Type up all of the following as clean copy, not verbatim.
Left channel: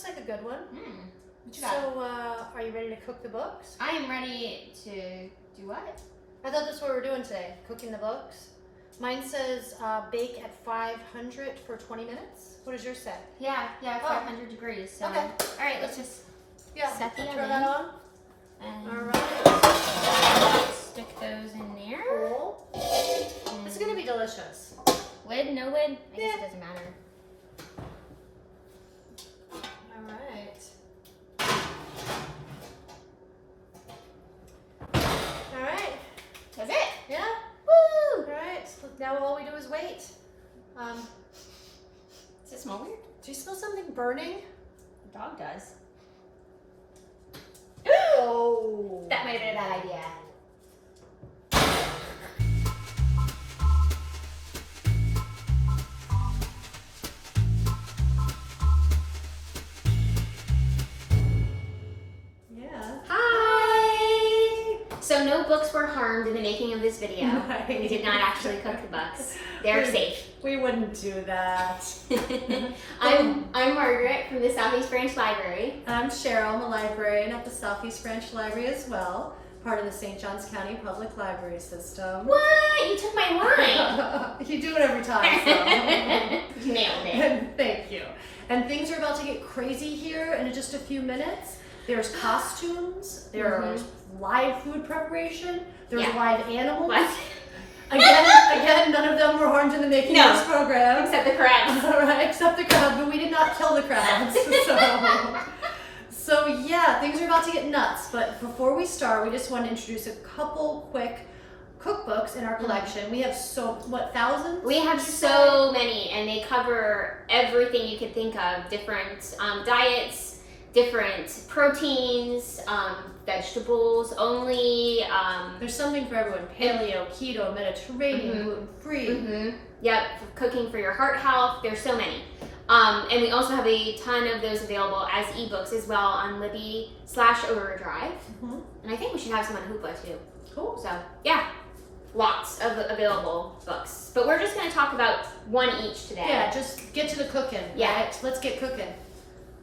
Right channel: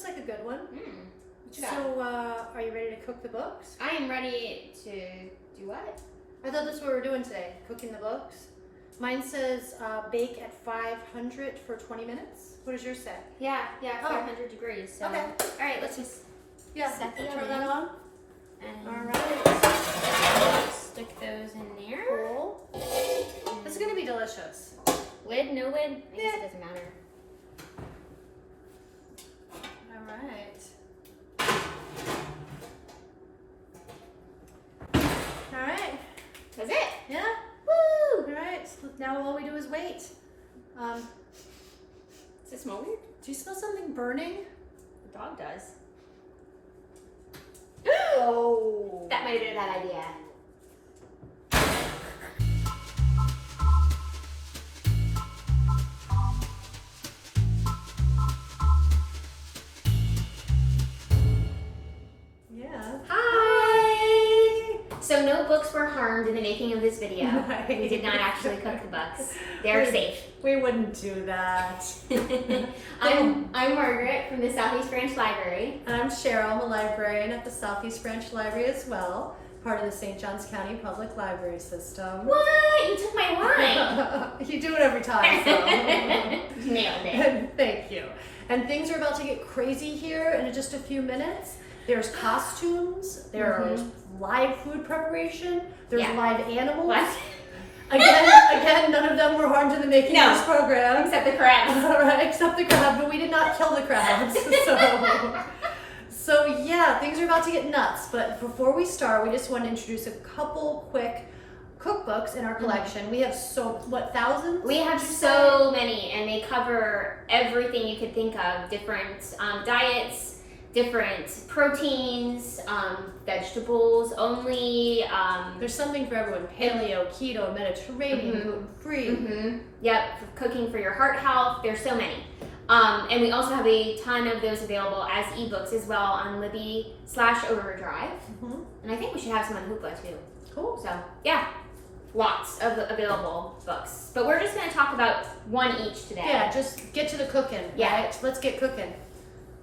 looks like a good one. So, are you ready to cook the books? I am ready to do what? I thought that's what we're doing today, cooking the books. Mine says bake at 500 for 20 minutes. What does yours say? Yeah, 500 degrees. So. Okay. All right, let's just set the throw oven. that on. And All right. stick those in there. Cool. This is gonna be delicious. Lid, no lid? I guess it doesn't matter. All right. All right. That's it. Yeah. Woo! All right. So now all we do is wait. Does it smell weird? Do you smell something burning? The dog does. Oh. That might have been a bad idea. Yeah. Hi! So no books were harmed in the making of this video. Right. We did not actually cook the books. They're safe. We wouldn't do that. I'm Margaret from the Southeast Branch Library. And I'm Cheryl. I'm a librarian at the Southeast Branch Library as well, part of the St. Johns County Public Library System. What? You took my line. You do it every time, so. Nailed it. Thank you. And things are about to get crazy here in just a few minutes. There's costumes, there's live food preparation, there's live animals. What? Again, none of them were harmed in the making of this program. Except the crabs. Right, except the crab, but we did not kill the crabs. So yeah, things are about to get nuts. But before we start, we just want to introduce a couple quick cookbooks in our collection. We have thousands? We have so many, and they cover everything you could think of. Different diets, different proteins, vegetables only. There's something for everyone. Paleo, keto, Mediterranean, gluten-free. Yep, cooking for your heart health. There's so many. And we also have a ton of those available as ebooks as well on Libby/Overdrive. And I think we should have some on Hoopla too. Cool. So yeah, lots of available books. But we're just going to talk about one each today. Yeah, just get to the cooking. Yeah. Right? Let's get cooking.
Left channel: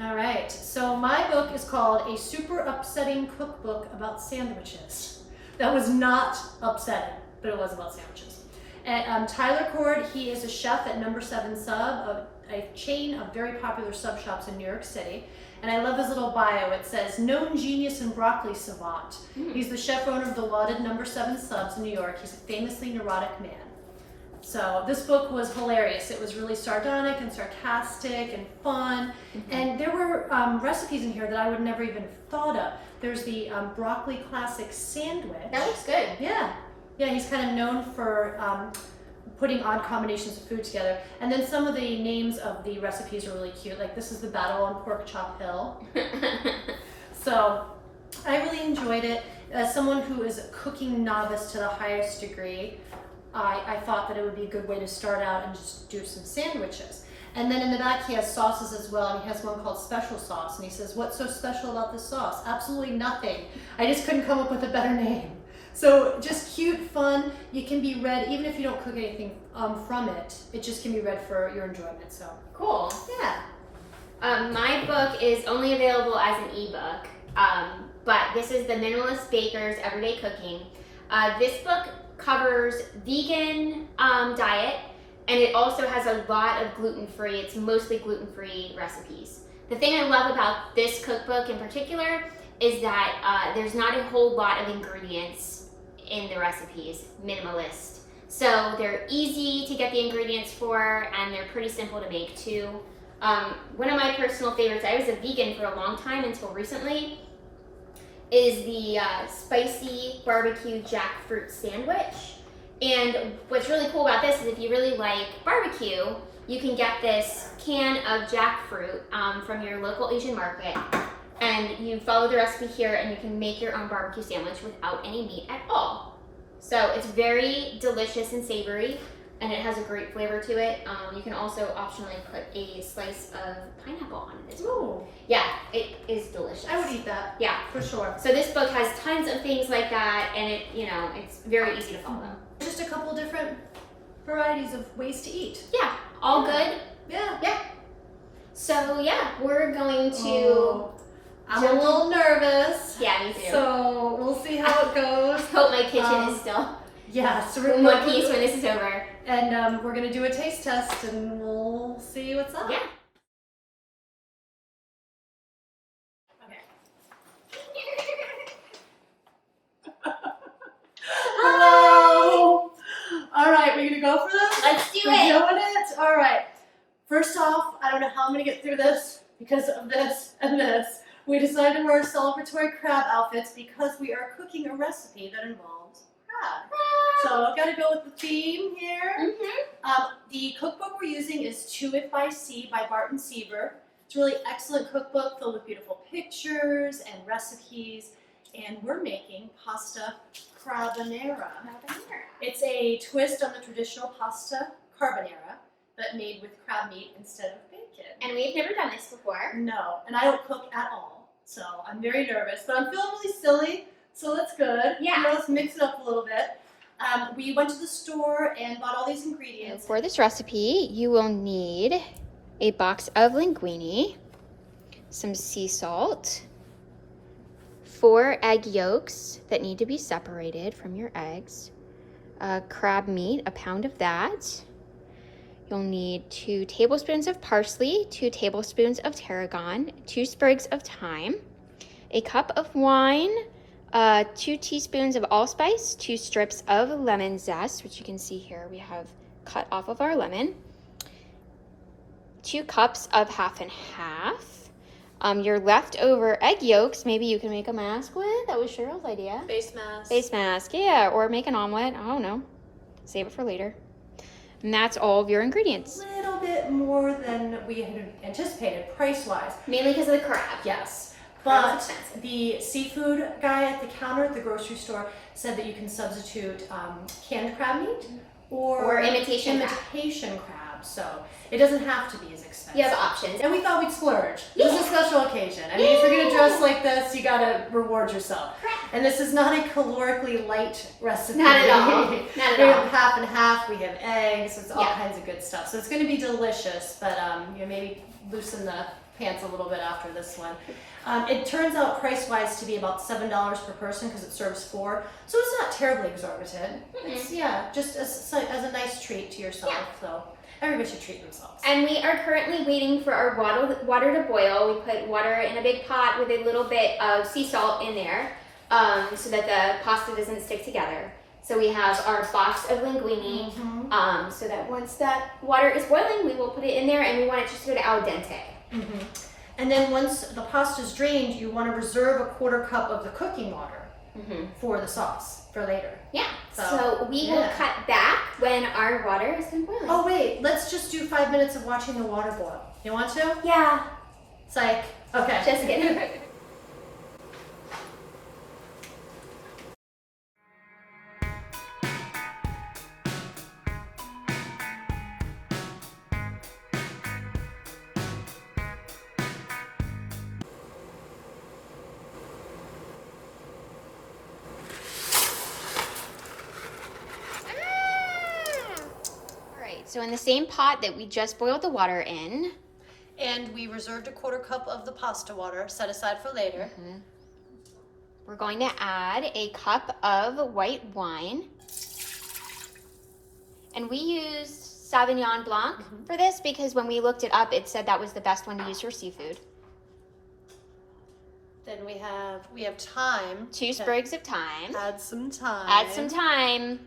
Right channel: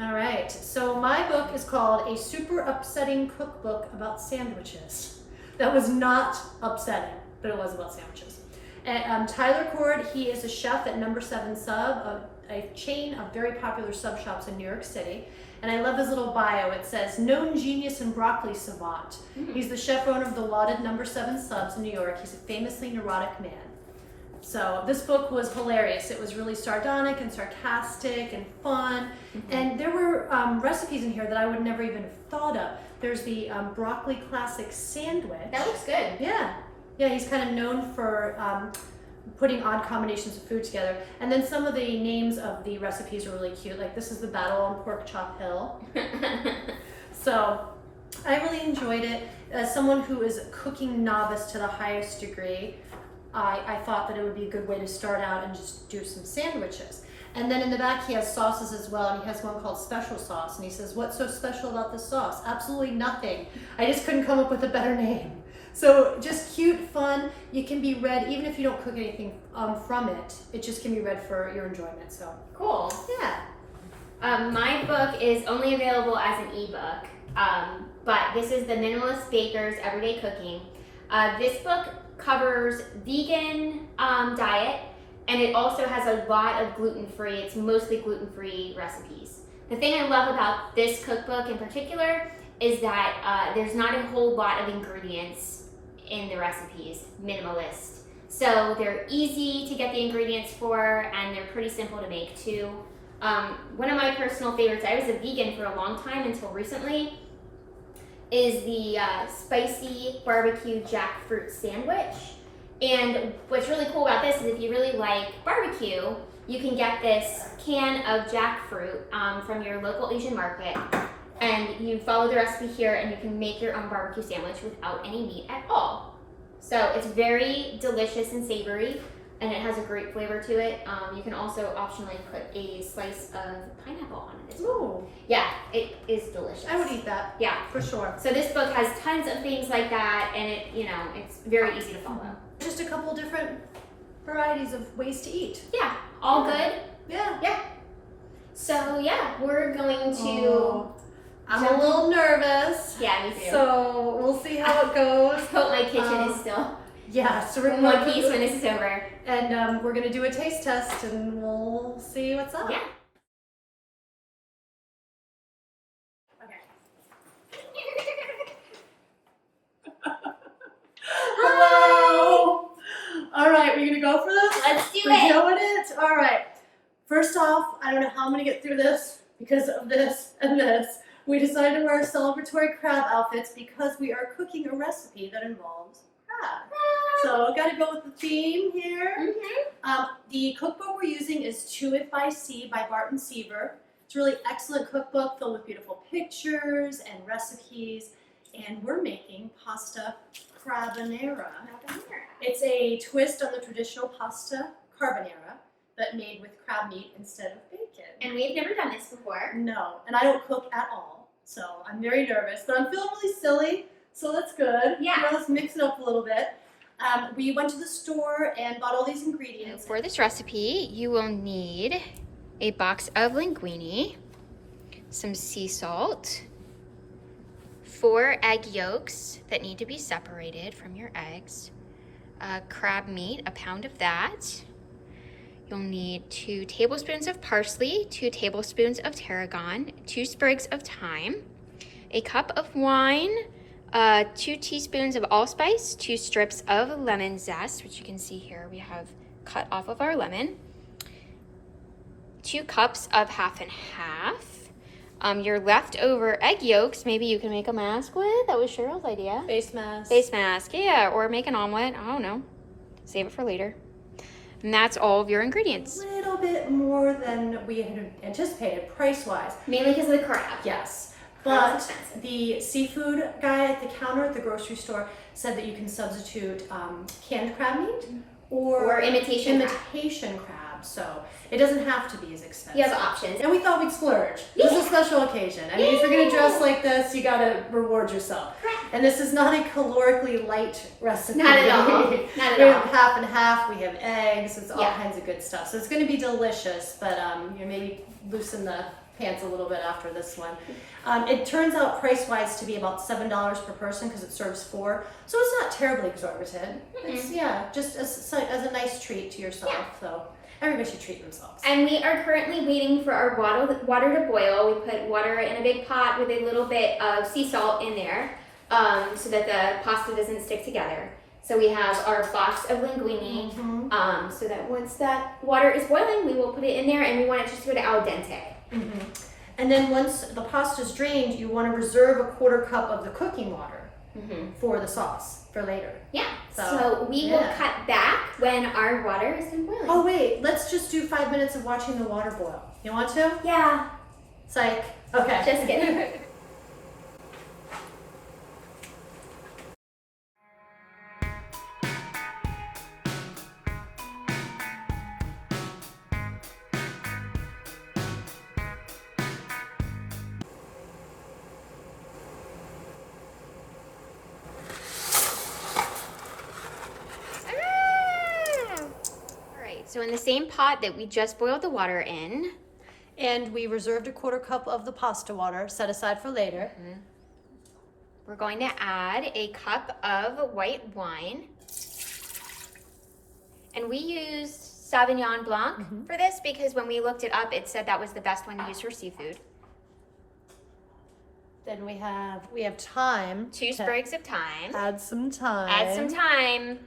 All right, so my book is called A Super Upsetting Cookbook About Sandwiches. That was not upsetting, but it was about sandwiches. And Tyler Cord, he is a chef at Number 7 Sub, a chain of very popular sub shops in New York City. And I love his little bio. It says, known genius and broccoli savant. He's the chef owner of the lauded Number 7 Subs in New York. He's a famously neurotic man. So this book was hilarious. It was really sardonic and sarcastic and fun. And there were recipes in here that I would never even have thought of. There's the broccoli classic sandwich. That looks good. Yeah. Yeah, he's kind of known for putting odd combinations of food together. And then some of the names of the recipes are really cute. Like this is the Battle on Pork Chop Hill. So I really enjoyed it. As someone who is a cooking novice to the highest degree, I thought that it would be a good way to start out and just do some sandwiches. And then in the back he has sauces as well, and he has one called Special Sauce, and he says, what's so special about this sauce? Absolutely nothing. I just couldn't come up with a better name. So just cute, fun. You can be read, even if you don't cook anything from it, it just can be read for your enjoyment. So cool. Yeah. My book is only available as an ebook, but this is The Minimalist Baker's Everyday Cooking. This book covers vegan diet, and it also has a lot of gluten-free. It's mostly gluten-free recipes. The thing I love about this cookbook in particular is that there's not a whole lot of ingredients in the recipes, minimalist. So they're easy to get the ingredients for, and they're pretty simple to make too. One of my personal favorites, I was a vegan for a long time until recently, is the spicy barbecue jackfruit sandwich. And what's really cool about this is if you really like barbecue, you can get this can of jackfruit from your local Asian market, and you follow the recipe here and you can make your own barbecue sandwich without any meat at all. So it's very delicious and savory, and it has a great flavor to it. You can also optionally put a slice of pineapple on it as well. Ooh. Yeah, it is delicious. I would eat that. Yeah, for sure. So this book has tons of things like that, and it's very easy to follow. Just a couple different varieties of ways to eat. Yeah, all good. Yeah. Yeah. So yeah, we're going to. Oh, I'm a little nervous. Yeah, me too. So we'll see how it goes. Hope my kitchen is still. Yeah, so we're in one piece when this is over. And we're gonna do a taste test, and we'll see what's up. Yeah. Hello. All right, we're gonna go for this. Let's do We're it. doing it. All right. First off, I don't know how I'm gonna get through this because of this and this. We decided to wear celebratory crab outfits because we are cooking a recipe that involves crab. So I've got to go with the theme here. The cookbook we're using is To It by Sea by Barton Seaver. It's a really excellent cookbook filled with beautiful pictures and recipes. And we're making pasta carbonara. It's a twist on the traditional pasta carbonara, but made with crab meat instead of bacon. And we've never done this before. No, and I don't cook at all, so I'm very nervous, but I'm feeling really silly, so that's good. Yeah. You know, let's mix it up a little bit. We went to the store and bought all these ingredients. For this recipe, you will need a box of linguine, some sea salt, 4 egg yolks that need to be separated from your eggs, crab meat, a pound of that. You'll need 2 tablespoons of parsley, 2 tablespoons of tarragon, 2 sprigs of thyme, a cup of wine, 2 teaspoons of allspice, 2 strips of lemon zest, which you can see here we have cut off of our lemon, 2 cups of half and half, your leftover egg yolks, maybe you can make a mask with. That was Cheryl's idea. Face mask. Face mask, yeah, or make an omelet. I don't know. Save it for later. And that's all of your ingredients. A little bit more than we had anticipated price-wise. Mainly because of the crab. Yes, Crab's but expensive. the seafood guy at the counter at the grocery store said that you can substitute canned crab meat or imitation crab. So it doesn't have to be as expensive. You have options. And we thought we'd splurge. This is a special occasion. I mean, if you're gonna dress like this, you gotta reward yourself. And this is not a calorically light recipe. Not at all. Not We at have all. half and half. We have eggs. It's all Yeah. kinds of good stuff. So it's gonna be delicious. But you know, maybe loosen the pants a little bit after this one. It turns out price-wise to be about $7 per person because it serves 4. So it's not terribly exorbitant. It's just as a nice treat to yourself. So everybody should treat themselves. And we are currently waiting for our water to boil. We put water in a big pot with a little bit of sea salt in there so that the pasta doesn't stick together. So we have our box of linguine so that once that water is boiling, we will put it in there and we want it just to go to al dente. And then once the pasta is drained, you want to reserve a 1/4 cup of the cooking water for the sauce for later. Yeah. So we will cut back when our water is done boiling. Oh wait, let's just do 5 minutes of watching the water boil. You want to? Yeah. Psych. Okay. Just kidding. So in the same pot that we just boiled the water in. And we reserved a 1/4 cup of the pasta water set aside for later. We're going to add a cup of white wine. And we used Sauvignon Blanc for this because when we looked it up, it said that was the best one to use for seafood. Then we have thyme. 2 sprigs of thyme. Add some thyme. Add some thyme.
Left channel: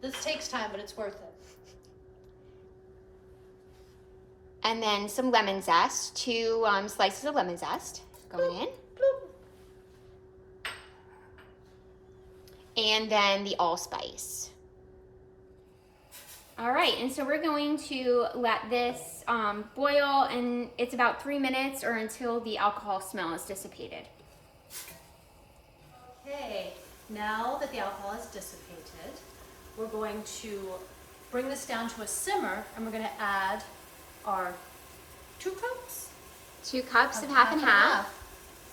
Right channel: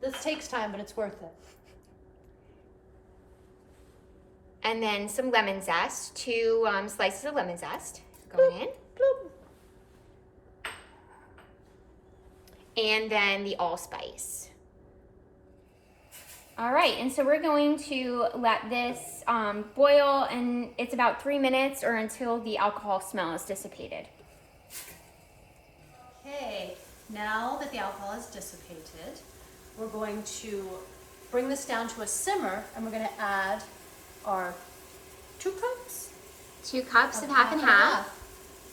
This takes time, but it's worth it. And then some lemon zest, 2 slices of lemon zest going in. And then the allspice. All right, and so we're going to let this boil, and it's about 3 minutes or until the alcohol smell is dissipated. Okay, now that the alcohol is dissipated, we're going to bring this down to a simmer, and we're going to add our 2 cups? 2 cups of half and half.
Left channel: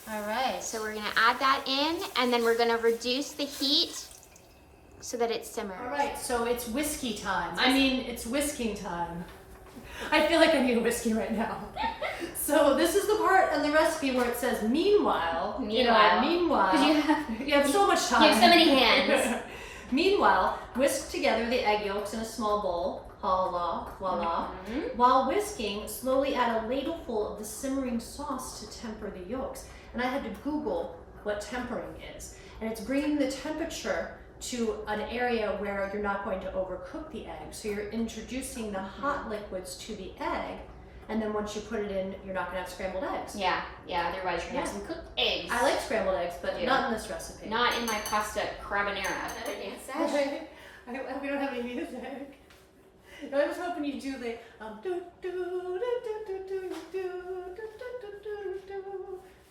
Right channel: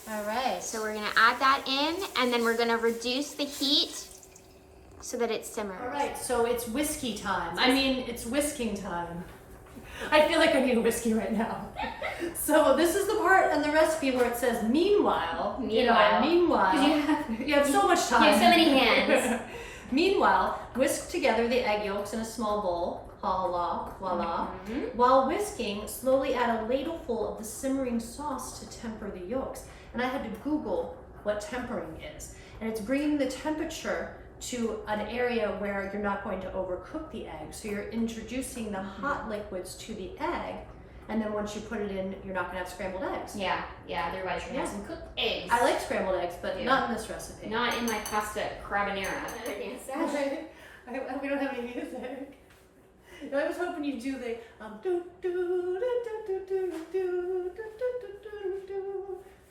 All right. So we're gonna add that in, and then we're gonna reduce the heat so that it simmers. All right, so it's whiskey time. I mean, it's whisking time. I feel like I need a whiskey right now. So this is the part in the recipe where it says meanwhile. Meanwhile. You have so much time. You have so many hands. Meanwhile, whisk together the egg yolks in a small bowl. Voila. While whisking, slowly add a ladleful of the simmering sauce to temper the yolks. And I had to Google what tempering is. And it's bringing the temperature to an area where you're not going to overcook the egg. So you're introducing the hot liquids to the egg, and then once you put it in, you're not gonna have scrambled eggs. Yeah, otherwise you're gonna have some cooked eggs. I like scrambled eggs, but not in this recipe. Not in my pasta carbonara. Another dance session. We don't have any music. I was hoping you'd do the do do do do do do do do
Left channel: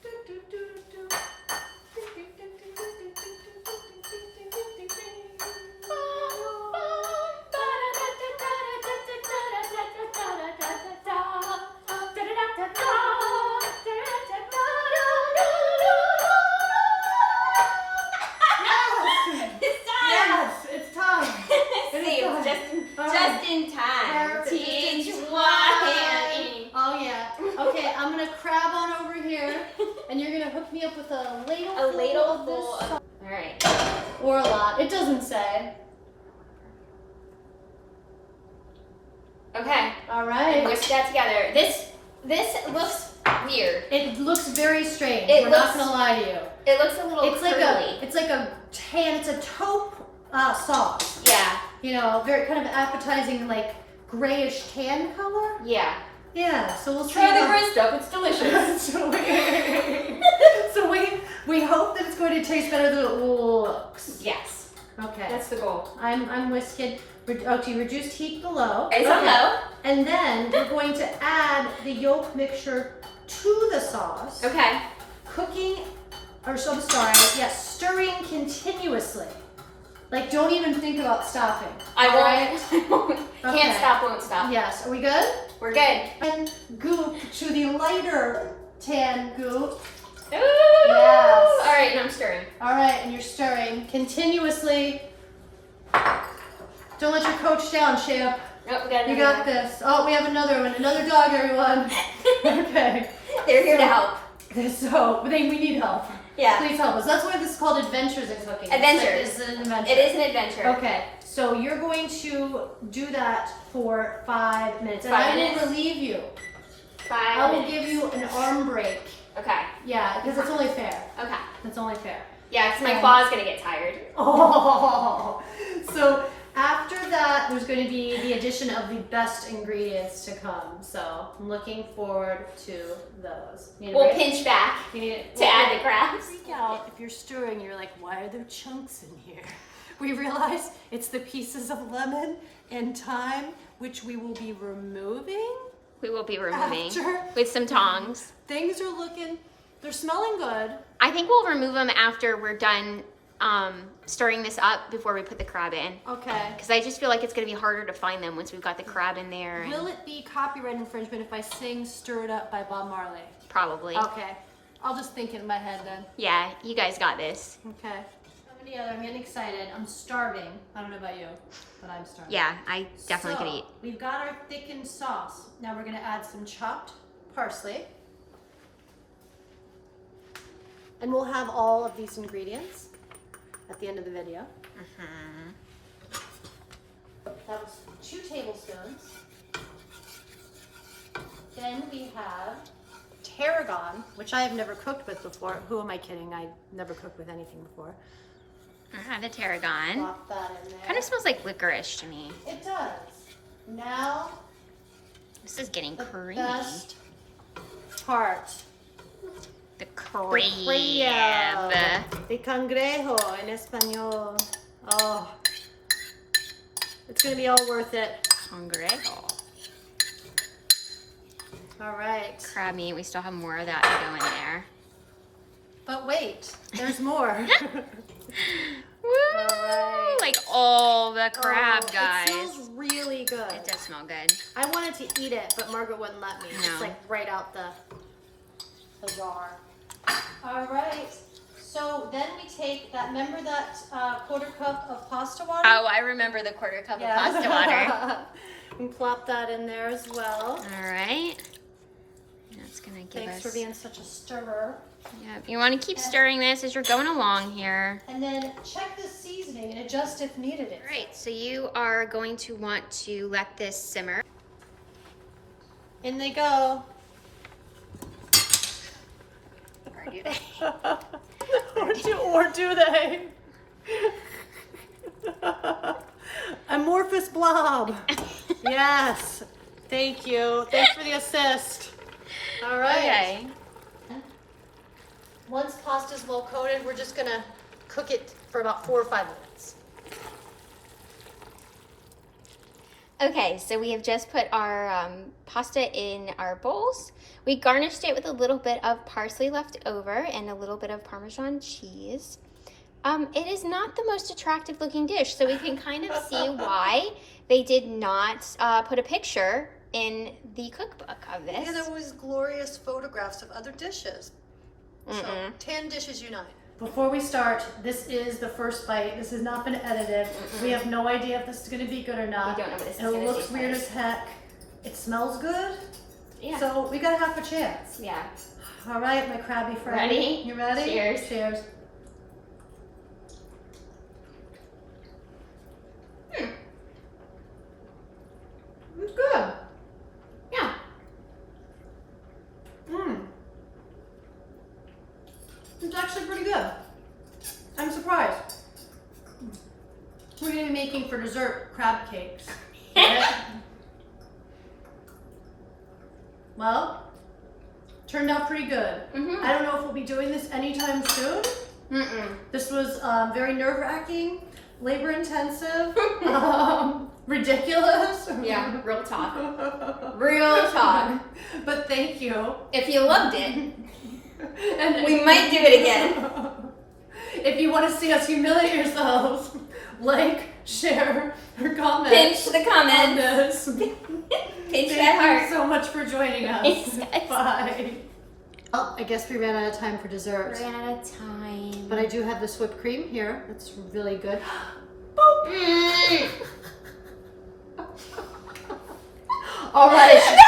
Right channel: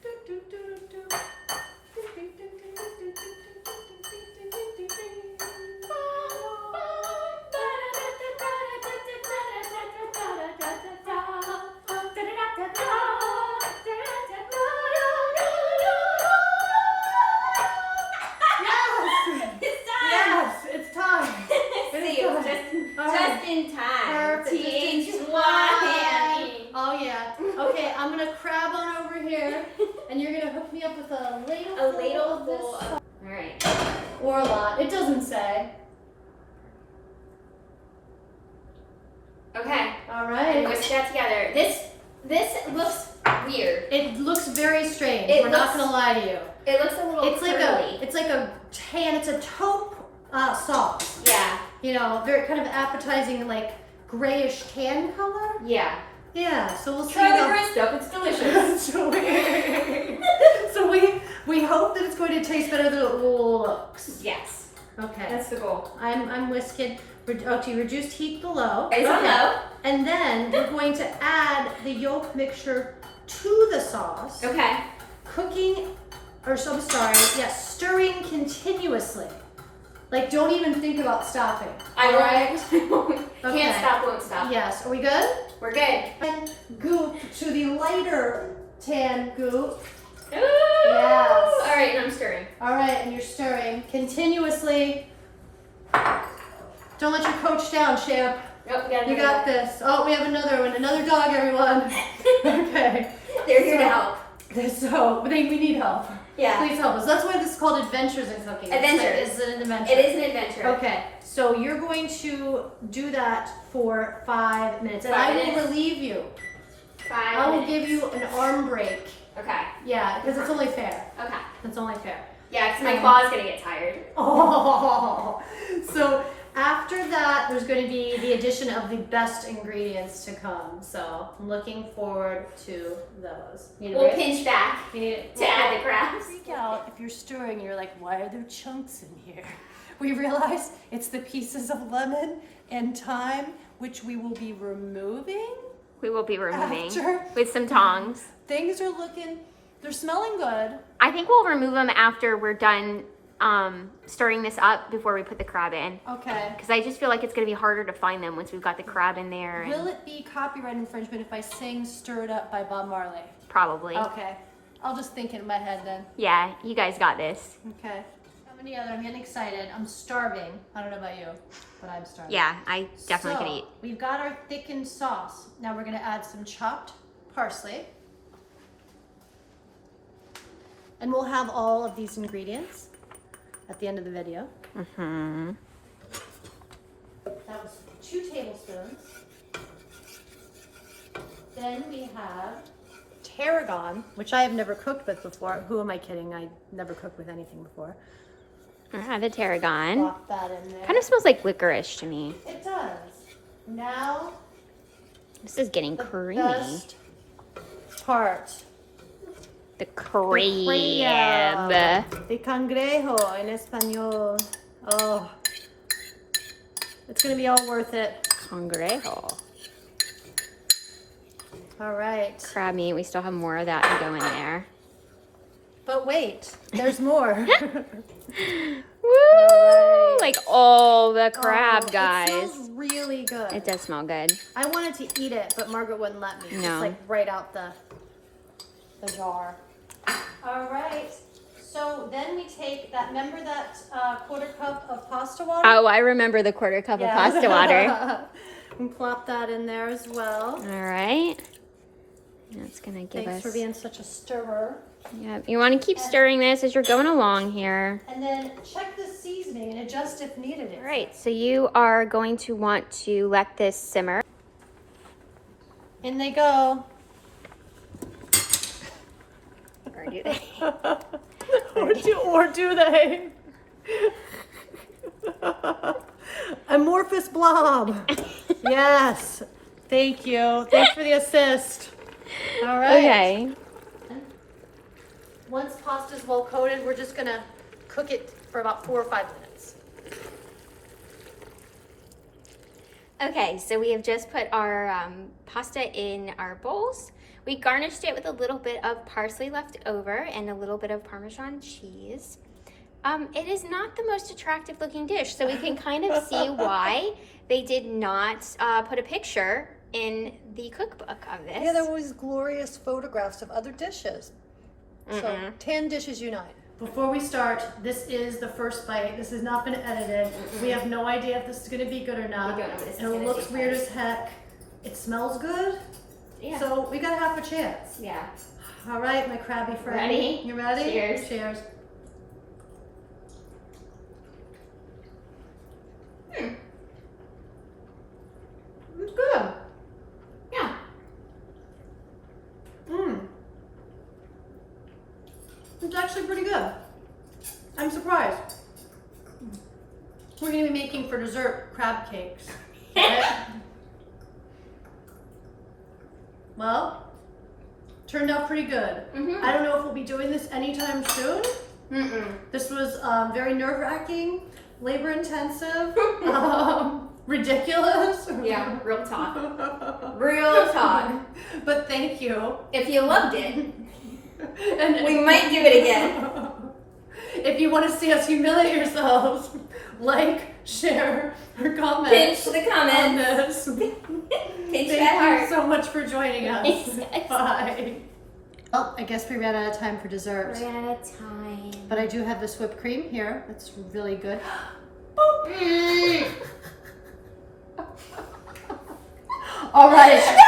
do do do do. Just in time. Oh yeah. Okay, I'm gonna crab on over here, and you're gonna hook me up with a ladleful of this. All right. Or a lot. It doesn't say. Okay. All right. Whisk that together. This looks weird. It looks very strange. We're not gonna lie to you. It looks a little curly. It's like a tan. It's a taupe sauce. Yeah. You know, very kind of appetizing, like grayish tan color. Yeah. Yeah. So we'll Try see. the gray stuff. It's delicious. so we hope that it's going to taste better than it looks. Yes. Okay. That's the goal. I'm whisking. To reduced heat below. It's on low. And then we're going to add the yolk mixture to the sauce. Okay. Stirring continuously. Like, don't even think about stopping. I won't. Okay. Can't stop, won't stop. Yes. Are we good? We're good. And goop to the lighter tan goop. Ooh. Yes. All right, now I'm stirring. All right, and you're stirring continuously. Don't let your coach down, champ. Nope, you got this. Oh, we have another one. Another dog, everyone. Okay. They're here to help. So we need help. Yeah. Please help us. That's why this is called Adventures in Cooking. Adventures. It's an adventure. It is an adventure. Okay. So you're going to do that for 5 minutes. And I will relieve you. 5 I will give you an arm break. Okay. Yeah, because it's only fair. Okay. That's only fair. Yeah, because my claw's going to get tired. Oh. So after that, there's going to be the addition of the best ingredients to come. So I'm looking forward to those. We'll pinch back to add the crabs. Freak out if you're stirring. You're like, why are there chunks in here? We realize it's the pieces of lemon and thyme, which we will be removing. We will be removing after. With some tongs. Things are they're smelling good. I think we'll remove them after we're done stirring this up before we put the crab in. Okay. Because I just feel like it's going to be harder to find them once we've got the crab in there. Will it be copyright infringement if I sing Stir It Up by Bob Marley? Probably. Okay. I'll just think it in my head then. Yeah, you guys got this. Okay. I'm getting excited. I'm starving. I don't know about you, but I'm starving. Yeah, I definitely could eat. We've got our thickened sauce. Now we're going to add some chopped parsley. And we'll have all of these ingredients at the end of the video. Mm-hmm. That was 2 tablespoons. Then we have tarragon, which I have never cooked with before. Who am I kidding? I never cooked with anything before. The tarragon. Pop that in there. Kind of smells like licorice to me. It does. Now, this is getting creamy. Best part. The crab. The cangrejo in español. Oh, it's gonna be all worth it. Cangrejo. All right. Crab meat. We still have more of that to go in there. But wait, there's more. Woo! Right. Like all the crab, guys. It smells really good. It does smell good. I wanted to eat it, but Margaret wouldn't let me. No. It's like right out the jar. All right. So then we take that. Remember that 1/4 cup of pasta water? Oh, I remember the 1/4 cup of pasta water. And plop that in there as well. All right. That's gonna give Thanks us. for being such a stirrer. Yeah, you want to keep stirring this as you're going along here. And then check the seasoning and adjust if needed. All right, so you are going to want to let this simmer. In they go. Or do they? or do they? Amorphous blob. Yes. Thank you. Thanks for the assist. All right. Okay. Once pasta's well coated, we're just gonna cook it for about 4 or 5 minutes. Okay, so we have just put our pasta in our bowls. We garnished it with a little bit of parsley left over and a little bit of Parmesan cheese. It is not the most attractive looking dish, so we can kind of see why they did not put a picture in the cookbook of this. Yeah, there were always glorious photographs of other dishes. So 10 dishes unite. Before we start, this is the first bite. This has not been edited. We have no idea if this is going to be good or not. We don't know what this is And it gonna looks taste weird like. as heck. It smells good. Yeah. So we got half a chance. Yeah. All right, my crabby friend. Ready? You ready? Cheers. Cheers. It's good. Yeah. It's actually pretty good. I'm surprised. We're going to be making for dessert crab cakes. Right? Well, turned out pretty good. I don't know if we'll be doing this anytime soon. This was very nerve-wracking, labor-intensive, ridiculous. Yeah, real talk. Real talk. But thank you. If you loved it, And we might do it again. If you want to see us humiliate yourselves, like, share, or comment. Pinch the on comments. this. Pinch that Thank heart. you so much for joining us. Yes. Bye. Well, I guess we ran out of time for dessert. We're out of time. But I do have this whipped cream here. That's really good. Mm. All right.